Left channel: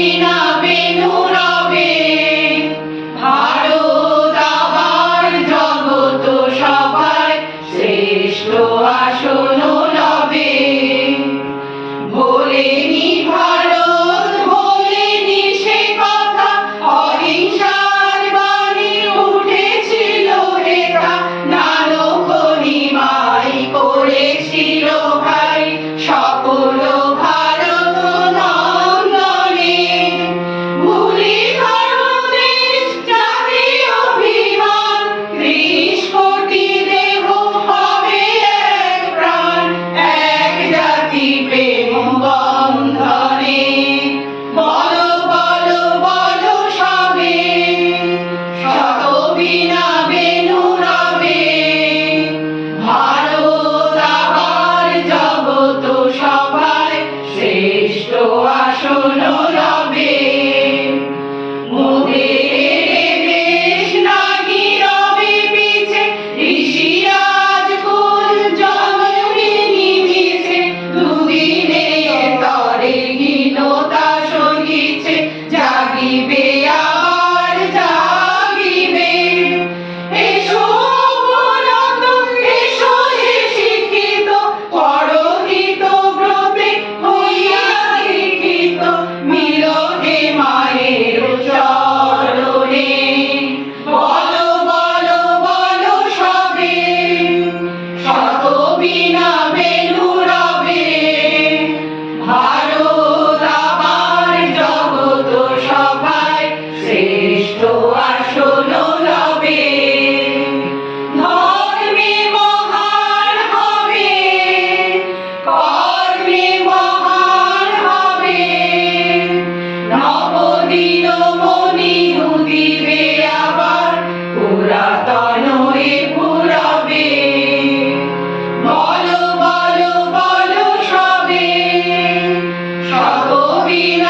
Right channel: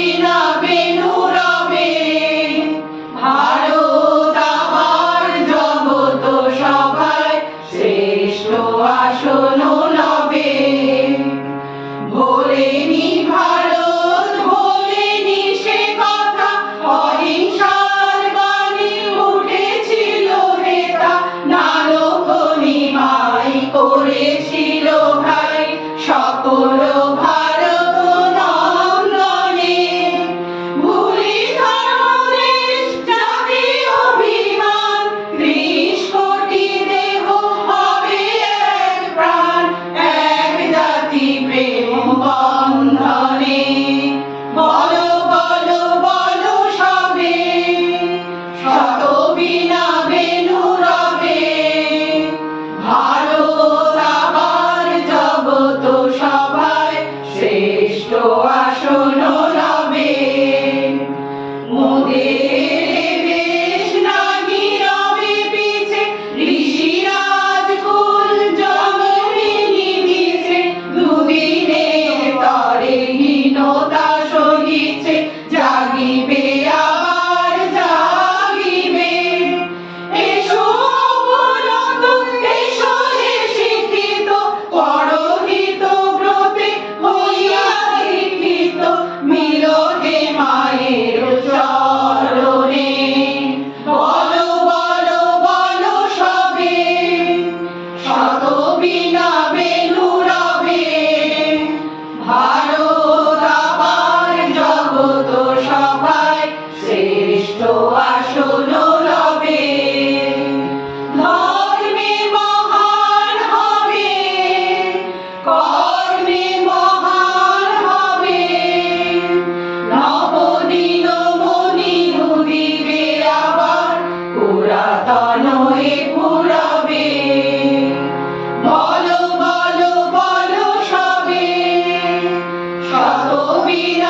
বিনা বেনু রবে, ভারত আবার জগত সভায় শ্রেষ্ঠ আসন লবে। ভোলেনি ভারত, ভোলেনি সে কথা, অহিংসার বাণী উঠেছিল হেতা, নারকনি মাই করেছিল ভাই সকল ভারত নন্দনে। ভুলি ধর্মদেশ জাতীয় অভিমান, ৩০ কোটি দেহ হবে এক প্রাণ, এক জাতি প্রেম বন্ধনে। বলো বলো বলো সবে, শত বিনা বেনু রবে, ভারত আবার জগত সভায় শ্রেষ্ঠ আসন লবে। মোদের দেশ নাহি রবে পিছে, ঋষিরাজ কুল জন্মে নিভিছে, দুদিনের তরে হীনতা সহিছে, জাগিবে আবার জাগিবে। এসো অবনত, এসো হে শিক্ষিত, পরহিত ব্রতে হইয়া দীক্ষিত, মিলনে মায়ের চরণে। বলো বলো বলো সবে, শত বিনা বেনু রবে, ভারত আবার জগত সভায় শ্রেষ্ঠ আসন লবে। ধর্মে মহান হবে, কর্মে মহান হবে, নবদিন মণি উদিবে আবার, পুরাতন এ ফুরবে। বলো বলো বলো সবে, শত বিনা